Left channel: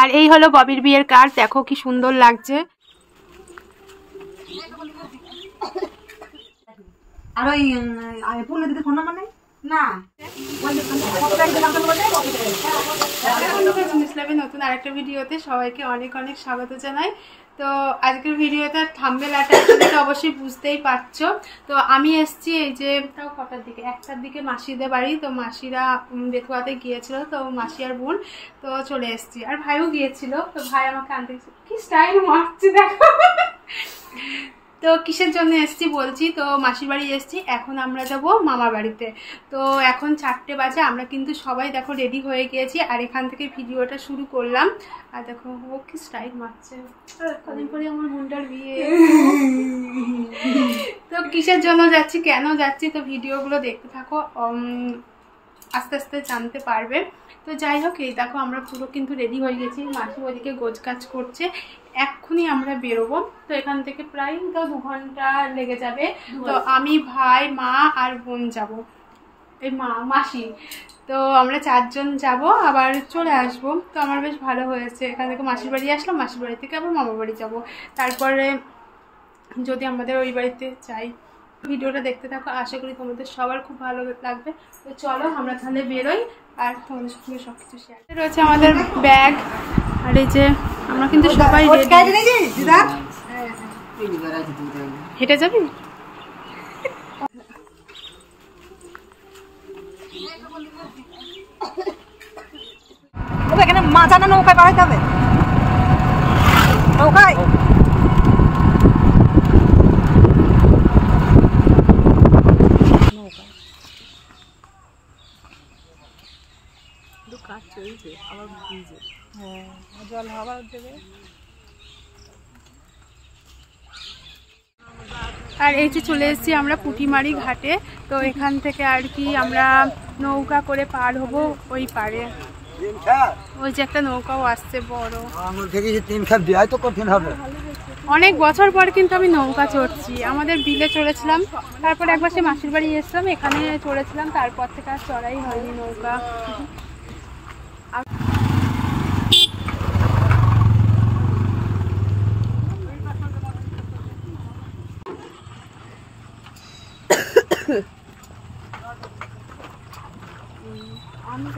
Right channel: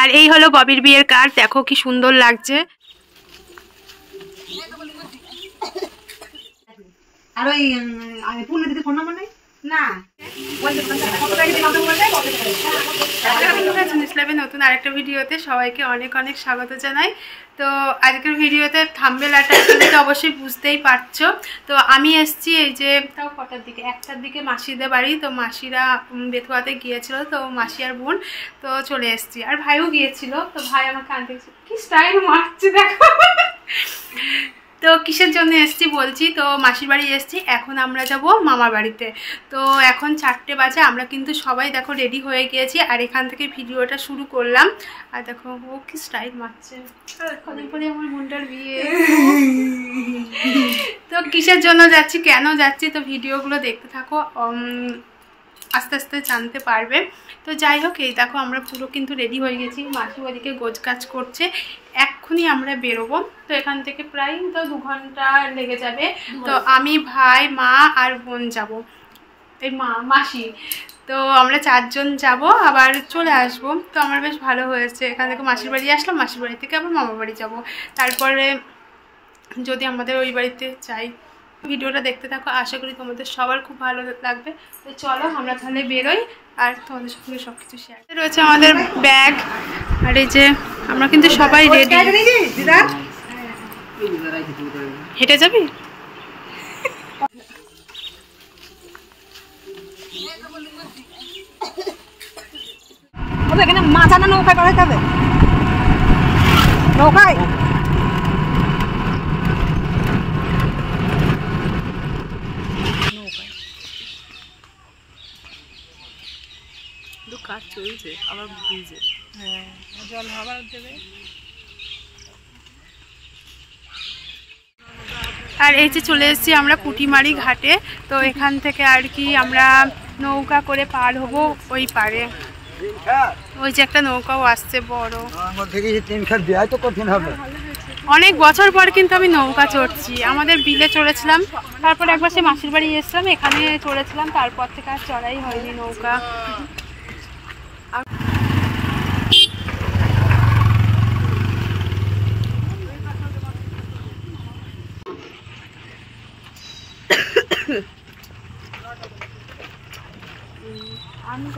আর এই হলো ববির বিয়ের কার্ড, দেখো কি সুন্দর লাগছে। আর ওই পূর্ণ দিদি ফোন নাম্বার নেই না? নতুন আরেকটা ভিডিওতে সবাইকে অনেক অনেক স্বাগত জানাই। তো আজকের ভিডিওতে থাম্বনেল আর টাইটেল দেখে অবশ্যই বুঝতেই পারছো। তো আমি এসছি এই যে তাও কটার দিকে, 1টার দিকে মাসিদের বাড়ি। তো মাসিরা বেথুয়াতে গিয়েছিল, তো মাসি আর বোন, তো চলে এসছি। আর ভাইও গিয়েছিল, তো ভাই আমাকে আনতে কি স্টাইল মারছে দেখো। তো কিসের জন্য এসছি বলছি, তো মাসির বাড়ি এসছি, এখন আমরা যাব মামার বাড়িতে। তো এখন 4টে বাজে, আমরা কিন্তু সবাই দেখো রেডি হয়ে গিয়েছি। আর এখান থেকে ভিডিওটা শুরু করলাম। আর দেখো ও কি স্টাইল মারছে, কদিন পরে আমার বোনটার বিয়ে। তো কিসের জন্য যাচ্ছি, কেন যাচ্ছি, তো ভিডিওগুলো দেখতে থাকো, আস্তে আস্তে জানতে পারবে। তো যাই হোক, এই দেখো আমরা পুরো কিন্তু রেডি হয়ে গেছি, মাসি ওদিকে গোছ কাজ করছে, এক্ষুনি আমরা বেরোবো। তো এখান থেকে প্রায় তো 2 ঘন্টা লেগে যাবে। তো আমি, ভাই, মা আর বোন যাব, এই মাসি, তো আমরা 4 জন যাব, আবার চলে আসব। তো আমার বেশ ভালো হয়েছে, এখান থেকে মাসির বাড়ি আসলাম, মাসির বাড়ি থেকে আবার মামার বাড়ি যাব, তারপরে যদি আমাদের ওই বাড়িতে যাই। ভিডিওটা দেখতে থাকো, আশা করি তোমাদের সবার খুব ভালো লাগবে। তো চলো আমরা তাহলে বেরোই, আর তোমাদের সঙ্গে সব কিছু শেয়ার রয়েছে। আমাদের ব্যাগ, আর এই যে আমরা কিন্তু সবাই রেডি। হেঁটে যাবি? এখানে মাথা না নৌকায় পাঠাতে হবে, নৌকায়। কাজ চলছে আবার ভিজে, হ্যাঁ জল আবার দেবে। আর এই যে চলে এসেছি আমরা পুঁটিমারি ঘাটে। তো এখান থেকে আর কি আমরা নৌকা করে পার হব ওই পারে। ওই যে একটা নৌকাও আসছে বড়, অনেক বছর পর কিন্তু আমি নৌকা চড়ছি। আমাদের বিলে চড়েছিলাম, তারপর একবার সে মাসির বাড়ি এসেছিলাম, এখানে চড়েছিলাম, তারপর থেকে আর চড়াই হয়নি নৌকা। আমি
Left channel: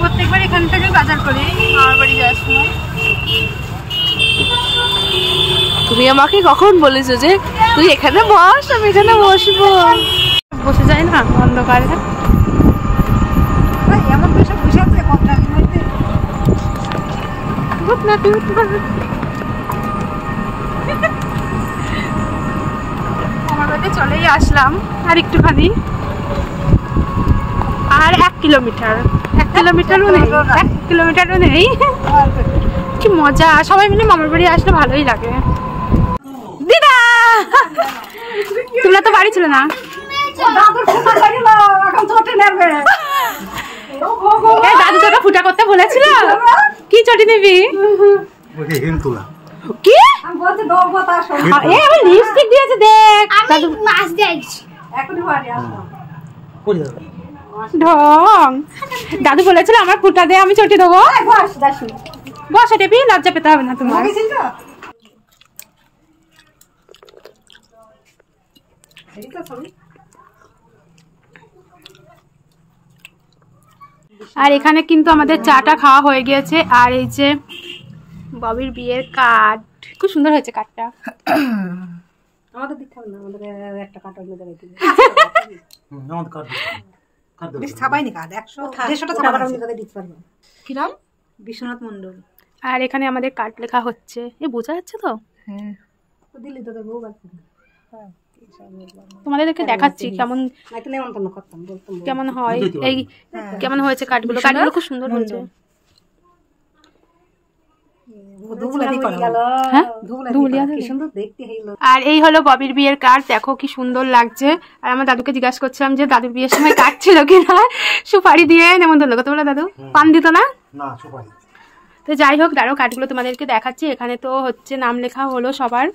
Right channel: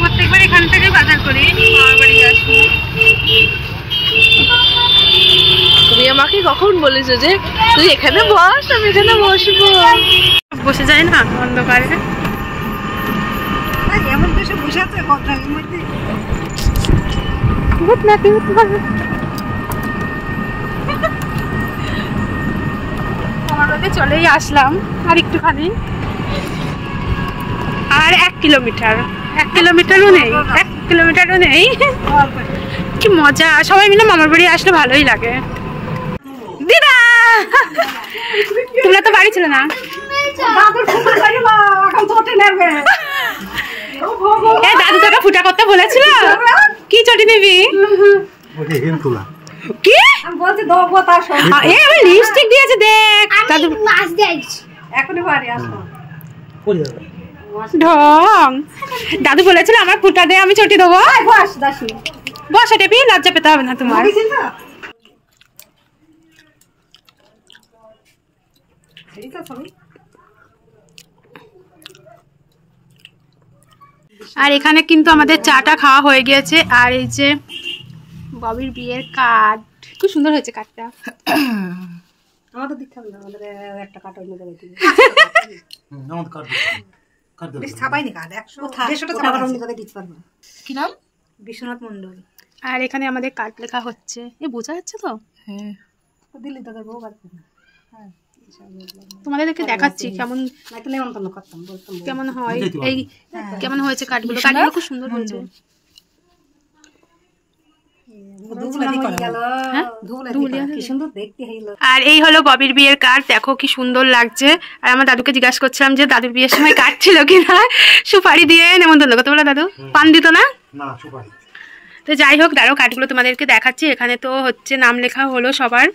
প্রত্যেকবার এখান থেকে বাজার করি মামার বাড়ি যাওয়ার সময়। তুমি আমাকে কখন বলেছো যে তুই এখানে বস, আমি এখানে বসবো? বসে যায় না অন্ধকারে, এমন কিছু বসে আছে ঘটনার মধ্যে। আমার বাড়িতে চলেই আসলাম, আর একটুখানি, আর 1 কিলোমিটার, 1 কিলোমিটারও নেই, 1 কিলোমিটারও নেই। কি মজা, সবাই মিলে মামার বাড়ি আসলে ভালোই লাগে। দিদা তোমরা তো বাড়ি ছিল না? দাদু তোকে ফুটা করতে বলেছিল, কি চটি নিবি? কি লিপস্টিক দিয়েছে দেখ, দাদু ঢং। দাদু বলেছিল আমার ফুটা দে, আমি চটি দেবো। বসা টেপি, লজ্জা পেতে হবে না তোমার। আর এখানে কিন্তু আমাদের চাটা খাওয়া হয়ে গিয়েছে। আর এই যে ববির বিয়ের কার্ড, খুব সুন্দর হয়েছে কার্ডটা। আমাদের দিচ্ছেন না, আমাদের একটা কাঠ অন্য জায়গায় দিবে। আমাদের কাঠ দিচ্ছে ছাপাইনি কাঠ 100-150টা ছাপা অন্য জায়গায় দিতে পারবে। কি নাম? বিশ্বনাথ মণ্ডল। আর এখানে আমাদের কার্ড লেখা হচ্ছে, এ বোঝা যাচ্ছে তো? হ্যাঁ দিল্লি তোদের বউ বাড়ি। হ্যাঁ তোমাদেরকে দেখাচ্ছি কেমন নাইতো নেমন্তন্ন করতাম, বলতাম কেমন হয়, এই কেমন হয়েছে কার্ডগুলো। কার্ডগুলো খুব সুন্দর হয়েছে। আর এই হলো ববির বিয়ের কার্ড, দেখো কি সুন্দর লাগছে। আর আমার দাদুকে জিজ্ঞাসা করছিলাম যে দাদুর বিয়ের সময় কার্ড ছিল কিনা, সুপারি দিয়ে নেমন্তন্ন করতে বলে দাদু, পান দিত না? তো যাই হোক, দাঁড়াও কার্ডগুলো তোমাদেরকে দেখাচ্ছি। এখানে তো হচ্ছে নাম লেখা হলো সবার,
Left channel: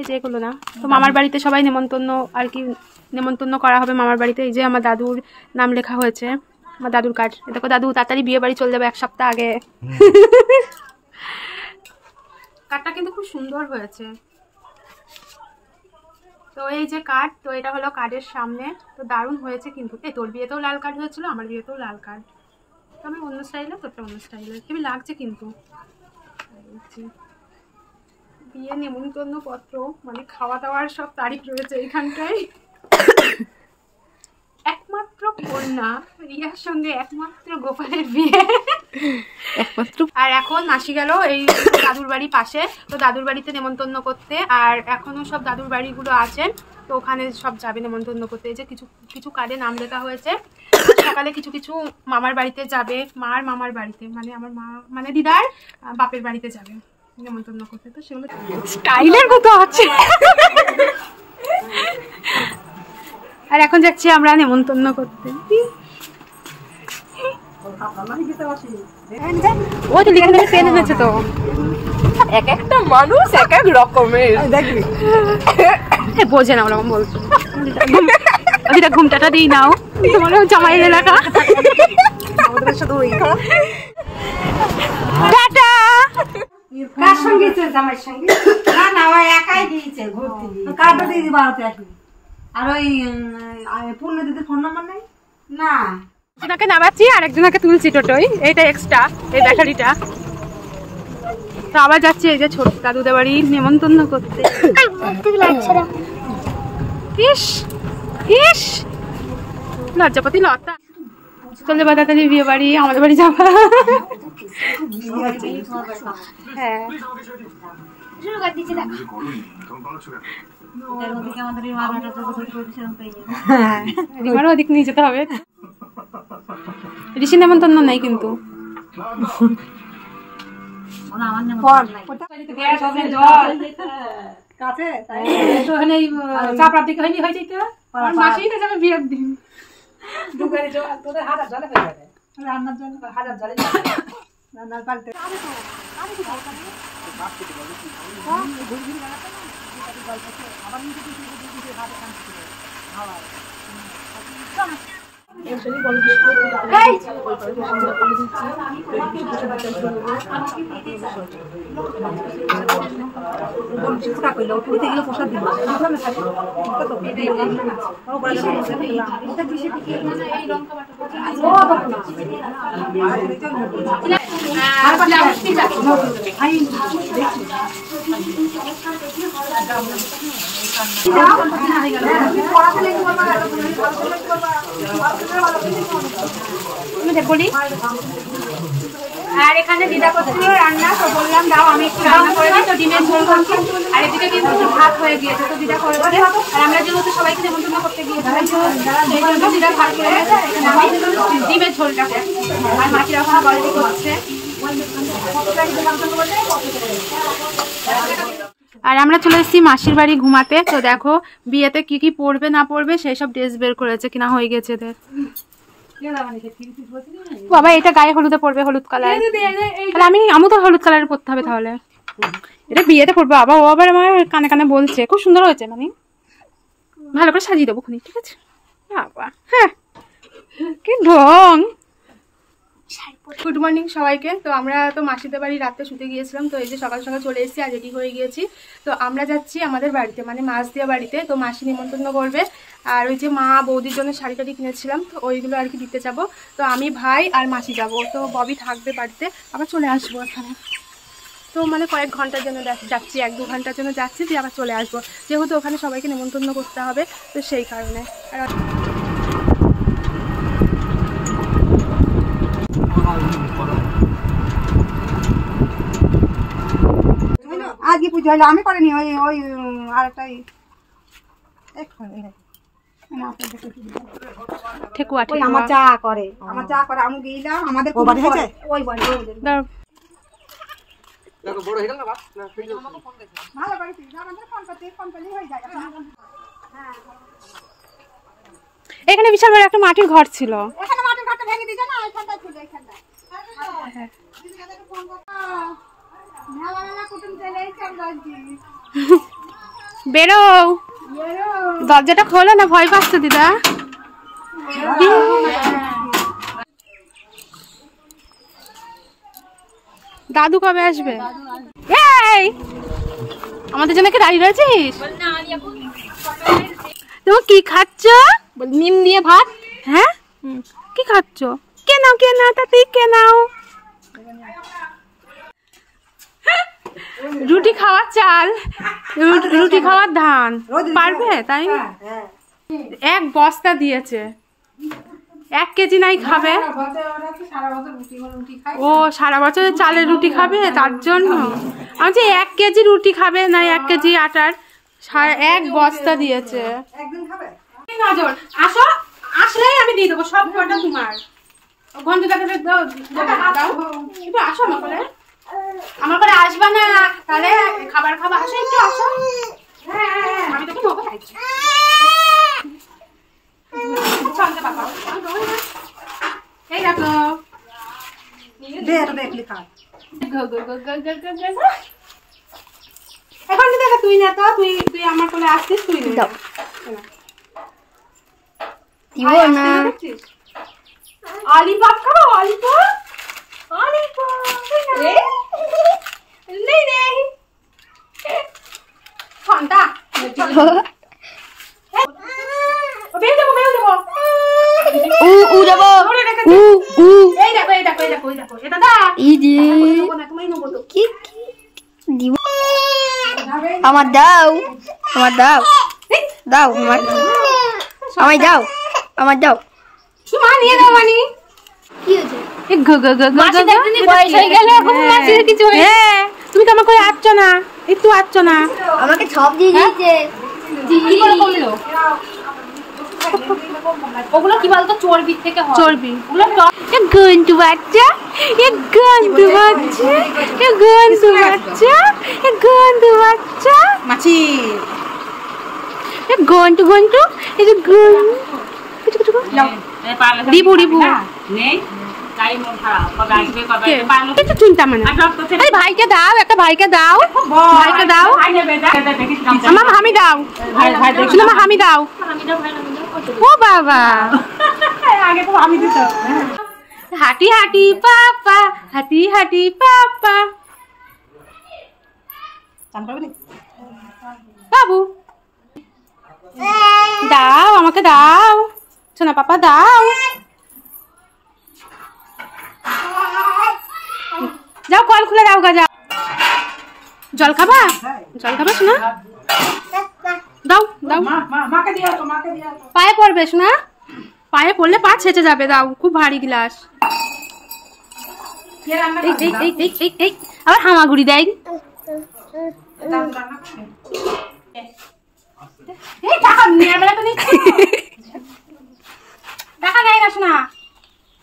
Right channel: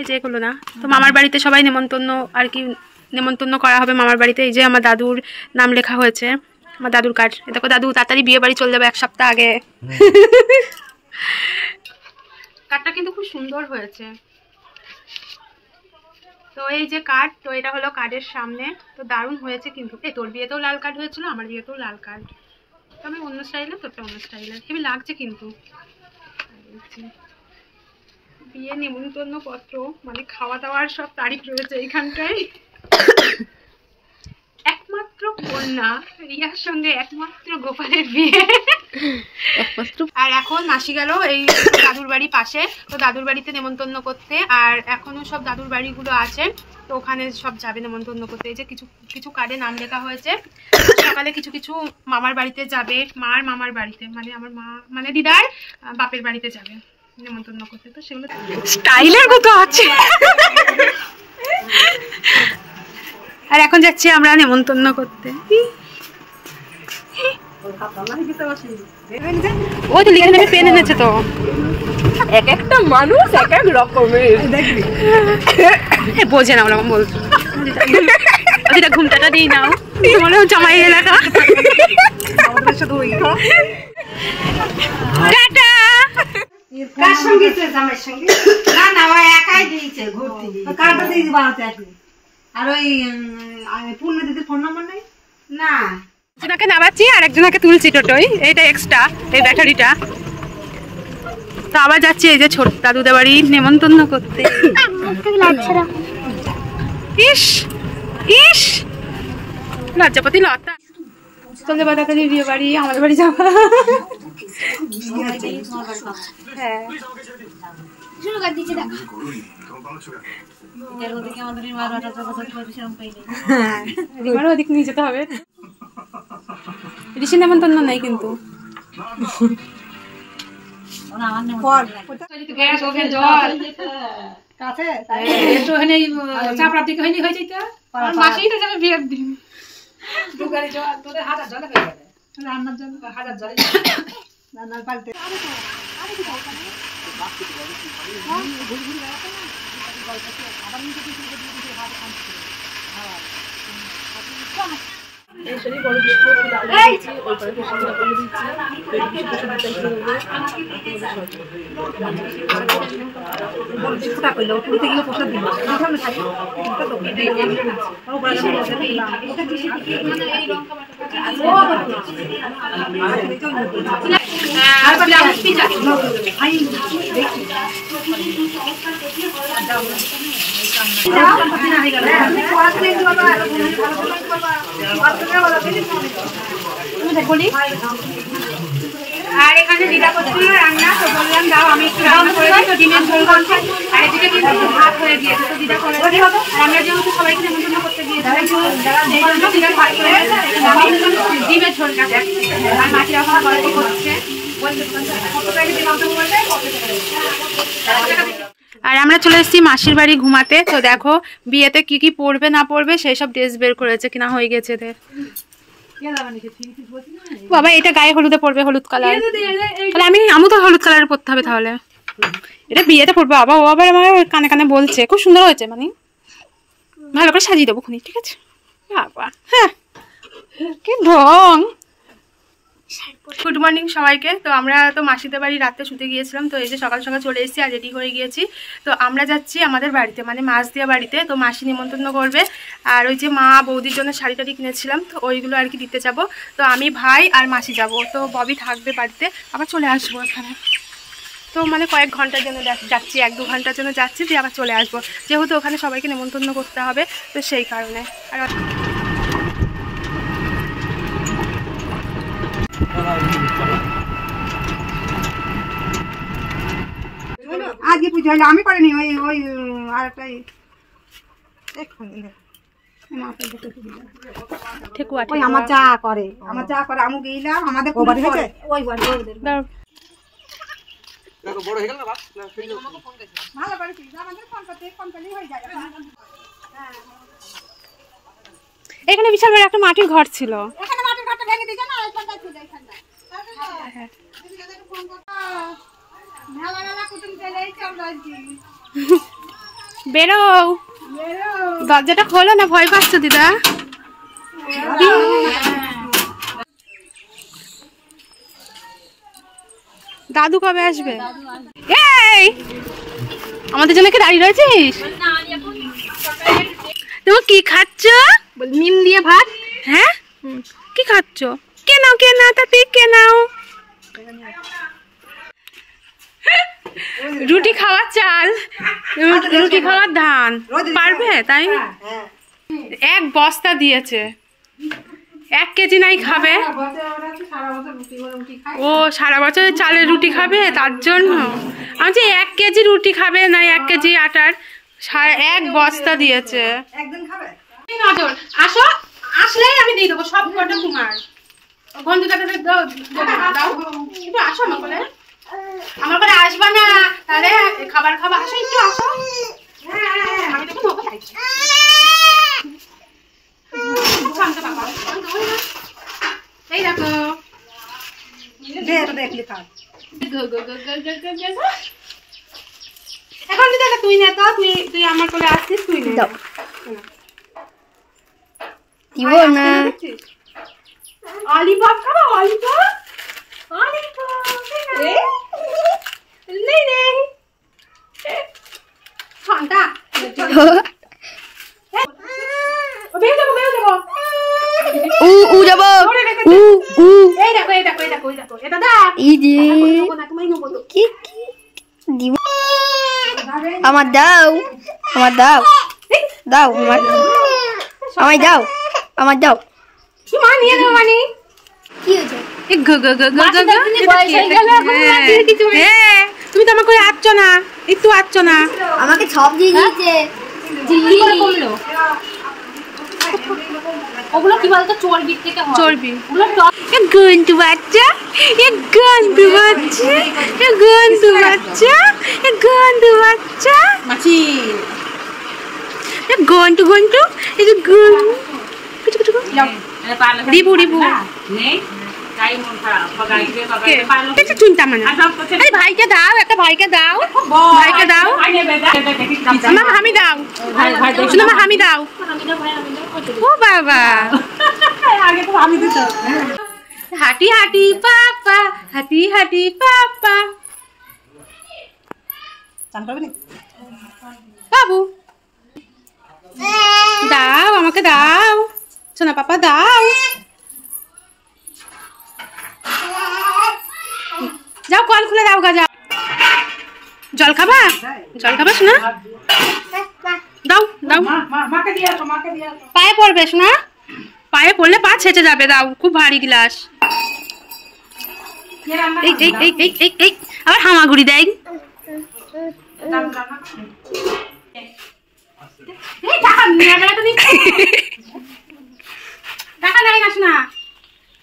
এই যে এগুলো না, তো মামার বাড়িতে সবাই নেমন্তন্ন আর কি, নেমন্তন্ন করা হবে মামার বাড়িতে। এই যে আমার দাদুর নাম লেখা হয়েছে, আমার দাদুর কার্ড। দেখো দাদু তাড়াতাড়ি বিয়ে বাড়ি চলে যাবে 1 সপ্তাহ আগে। কার্ডটা কিন্তু খুব সুন্দর হয়েছে। তো এই যে কার্ড, তো এটা হলো কার্ডের সামনে, তো দারুণ হয়েছে কিন্তু। এই তোর বিয়েতেও লাল কার্ড হয়েছিল, আমার বিয়েতেও লাল কার্ড, তবে অন্য স্টাইলে, তোরটা অন্য স্টাইলের, হেবি লাগছে কিন্তু। বিয়ে নিমন্ত্রণ পত্র, মানে খাওয়া দাওয়ার সব তারিখ রয়েছে এইখানটায়। একমাত্র কন্যা রিয়ার সঙ্গে একমাত্র গোপালের বিয়ে। আর এখন মাসি গেল এই দাদুর বাড়ি পাশে, তো দাদুর বাড়িতে নেমন্তন্ন করতে। আর এখনো সব দাদুর বাড়িগুলো আছে, তো ওখানে সব যাবে নেমন্তন্ন করতে। এই যে কিছু কিছু কার্ডে নাম লেখা হয়েছে। সকালে কিছু কিছু মামার বাড়িতে যাবে, মার মামার বাড়িতে, মানে আমার মা মানে দিদার বাপের বাড়িতে যাবে নেমন্তন্ন করতে। তো সেগুলো স্টাইলের মতো আছে। আর এখন যাচ্ছি আমরা নেমন্তন্ন করতে। ও তো লিখে নেবে, পেন এনেছে তো। এক একটা মানুষ এক এক রকমের, দেখবি বোঝে না ওরকম বলতো। দিদা ঘুমটাটা দিই নাও, তোমার জামাই এলাকা। টাটা। কার সঙ্গে জামাইয়ের সঙ্গে? না না, ও একাই দিয়েছে ঘুরতে গিয়ে। কার্ডটা দিয়ে দিবা হাতে একটু। আর ওই পূর্ণ দিদির ফোন নাম্বার নেই না? একজনকে নামাচ্ছি আর একজনকে তুলছি টোটোই, এইটা এক্সট্রা, এই ব্যাটারিটা। তো আবার যাচ্ছি এই যে ছোট দাদুদের বাড়ি নেমন্তন্ন করতে। ইস ইস লজ্জাপতি লতা। চলে বা দাদাদের বিয়ে বাড়ি, আমাদের বাড়ি যাবা। হ্যাঁ রিমারও ওদিক নিয়ে যেতে হবে। ঋষি নেমন্তন্ন নাই কিন্তু। চাপড়ার দিকে হয়নি, হয়ে যেতে মাসিটা যাবে বিয়ের দিন। রান্নার জন্য 1000 জলে রান্নার পাল্টে। আর এখানে দিদা করছিল রান্না, তো বললাম দাও আমি একটু রান্না করে দিই। তো ডিমের ঝোল করছি, আর এদিকে কিন্তু ভাত হয়ে গিয়েছে, তো দিদা করে দেবে। আর আমরা যেহেতু সবাইকে নেমন্তন্ন করতে গিয়েছিলাম, সেই জন্য দিদা ভাত করে দিয়েছে। আমি ডিমের ঝোলটা করছি, আর মাটির এখন গল্প করছে। আর আমরা চলে এসেছি মাসির বাড়ি ঘুমাতে। তো দেখো বিয়েতে কি কি পরবে না পরবে সেই সব ড্রেস বের করেছে, কিনা হয়ে গেছে এদের। বাবা এটা গায়ে হলুদে পরবে, হলুদ কালার। তাহলে আমি তো হলুদ কালারের পরতে হবে তাহলে। এটা বিয়েতে পরবে বাবা, ও আবার আমার কানে কানে বলছে খুব সুন্দর হয়েছে, মানে ভালো করে সাজিয়ে দেবো খুনি, ঠিক আছে বাবা। হ্যাঁ কি ঢং। গুড মর্নিং সবাইকে। তো আমরা তো মাসিদের বাড়ি রাতে শুতে গিয়েছিলাম, তো এই যে সকাল সকাল চলে এসেছি আর রেডি হয়ে গিয়েছি। তো আমরা যাচ্ছি আমাদের বাড়িতে, মানে মাছ দিয়া বাড়িতে। তো মাসি নিমন্ত্রণ করবে, আর ওই যে মা বৌদির জন্য শাড়ি টাড়ি কিনেছিলাম, তো ওইগুলো আর কি দিতে যাব। তো আমি ভাই আর মাসি যাব, তো ববি থাকবে বাড়িতে, আবার চলে আসবো এখানে। তো মানে কয়েক ঘন্টার জন্য যাচ্ছি, 1-2 ঘন্টার জন্য যাচ্ছি, দিয়ে আবার চলে আসবো, যেহেতু ওখানে সবাইকে নেমন্তন্ন করতে হবে, তো সেই কারণে। আর আজকে পুজো হলো, আমি করিনি, ওই ওই আরেকটাই ঠেকুয়া আমার চা করে, আমি গেলাম আমাদের ওই বাড়ি এখানে বিশাল বড় একটা মাটির ঘর ছিল। বেরো, দরজাটা খোলো না, ভয় পাচ্ছ দিদা। দাদু কবে আসবে? এই আমাদের জন্য কি দাঁড়িয়ে রয়েছিস? তুমি কি খাচ্ছ? নিম দিয়ে ভাত। হ্যাঁ, কি খাচ্ছ? কে নাও তাতে, কে নাও। রুটি খাওয়ার চাল, রুটি খাওয়ার ধান, পারবে? তাই 1 বস্তা দিয়েছে, 1 কেজি নাই খাবে। ও সারা বছরের চালের রুটি খাবে, তার জন্য আমি যে 1 কেজি রুটি খাবে না, 1 কেজি আটার 1 বস্তা দিয়েছে। নজর আসো, আসলেই আমি দিয়ে দেবো সব কটা তোমার। বন্ধুটাকে দাও, একটু আসো আমার করে আসবা না, তাহলে খাবার খাবা। আসো, একটু আসো, আমি তোকে নৌকা চাইছি। এই দেখো, এখন দেখো তুই না তো, তুই আমার কোলে আসছিস, তুই না দিব না। অলিপপ খাবো, অলিপপ ঠান্ডা আমার দাও, আমার দাও, দাও আমার, আমায় দাও, আমার দাও। নিয়ে দাও মানে কি হয়েছে? তুমি তো আমার করে আসছো না, একটু আসছো না, আমাকে সব দিয়ে দিয়েছে। ওগুলো কি বলতো, চর্বি থেকে হয়, চর্বি। গন্ধু বাচ্চা, গন্ধু বাচ্চা, গন্ধু বাচ্চা, গন্ধু বাচ্চা, মাছি গন্ধু গন্ধু, এই যে রিবু রিবু চিন্তা মানে। ভাইকে দাও, একটা ভাইকে দাও, ভাইকে দাও, আমার হামি দাও, শুনো আমার হামি দাও। ও বাবা, আগে তো হামি দিত। হাঁটি হাঁটি পাপা, হাঁটি হাঁটি পাপা। বাবু দাও, আমাকে দাও, শোনা পাপা দাও। যাও কল খুলে দাও গা, যাও। জল খাবা, জল খাবা শোনা, দাও দাও, পায়ে পড়বে শোনা, পায়ে পড়লে পা ছেঁচে যাবে, দাও, খুব ভারী গ্লাস। এই এই এই এই এই এই আবার হামাগুড়ি দেয়। টাকা দেয় না শোনা,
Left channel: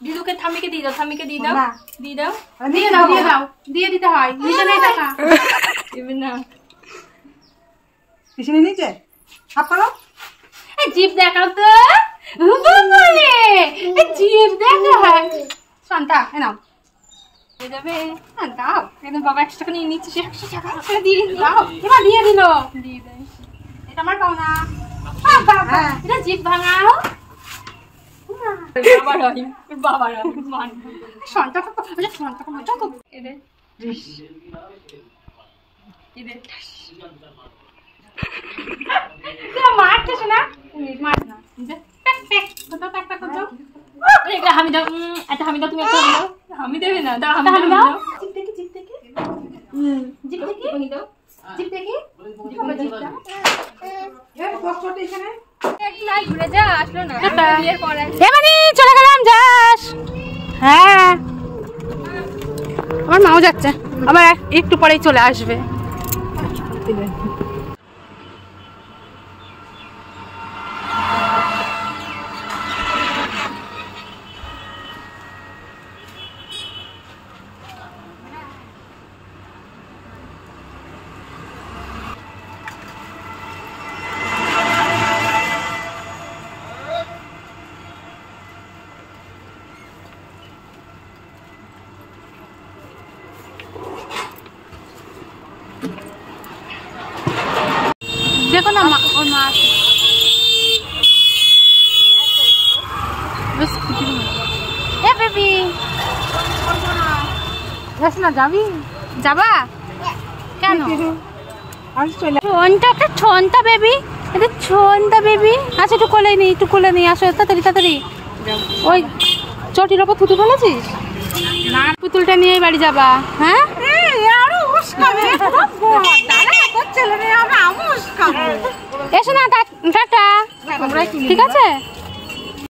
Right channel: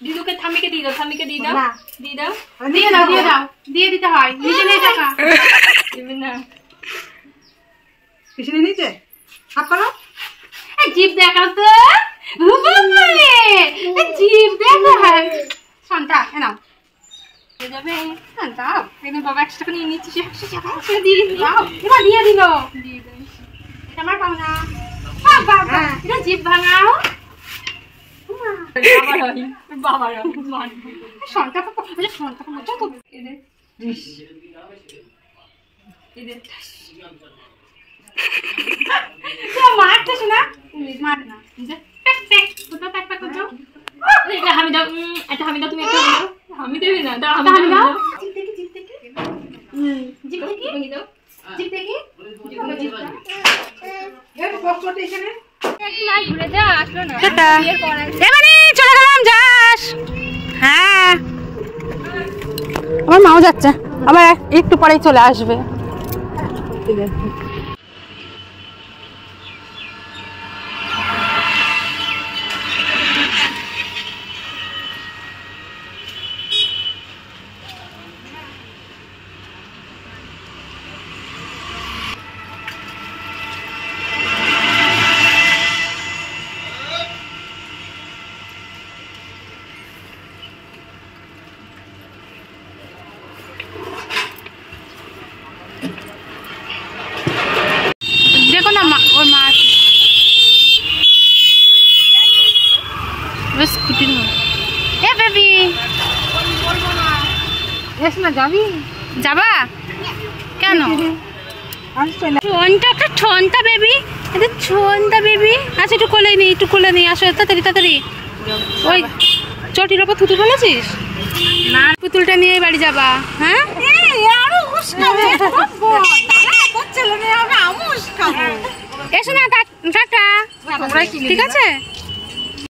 দিদুকে থামিকে দিয়ে দাও, থামিকে দিয়ে দাও, দিয়ে দাও, দিয়ে দাও, দিয়ে দাও, দিয়ে দিতে হয়, নিচে নেই টাকা দিবি না। কিছু নিচে হাত করো, জিভ দেখাও তো, জিভ দেখা শান্তা, নাও যাবে, দাও, একদম বাবা 100 টাকা নিয়ে নিচ্ছি, 100 টাকা দিয়ে দাও, এবার দিয়ে দিল, দিয়ে দাও, এটা আমার পাও না, বাবা এটা জিভ ভাঙাও। মারতে শোনা, মার না, হামি দাও, একটা হামি দাও, তুমি একটা হামি দাও, হামি দেবে না, দাও হামি দাও, এবারে চলে গেলাম, যাস? হ্যাঁ, আমার মাও যাচ্ছে, আবার একটু পরেই চলে আসবে। দেখো না ওর মা বেবি, এস না, যাবি? যাবা কেন? ঠোনটা ঠোনটা বেবি, এটা ঠোনটা বেবি। আচ্ছা একটু কোলে নি, একটু কোলে নি, আসো তাড়াতাড়ি তাড়াতাড়ি। ওই চটির ওপর থুতু ফেলেছিস না? পুতুলটা নিয়ে বাড়ি যাবা? হ্যাঁ, এসো না, টাটা, ঠিক আছে।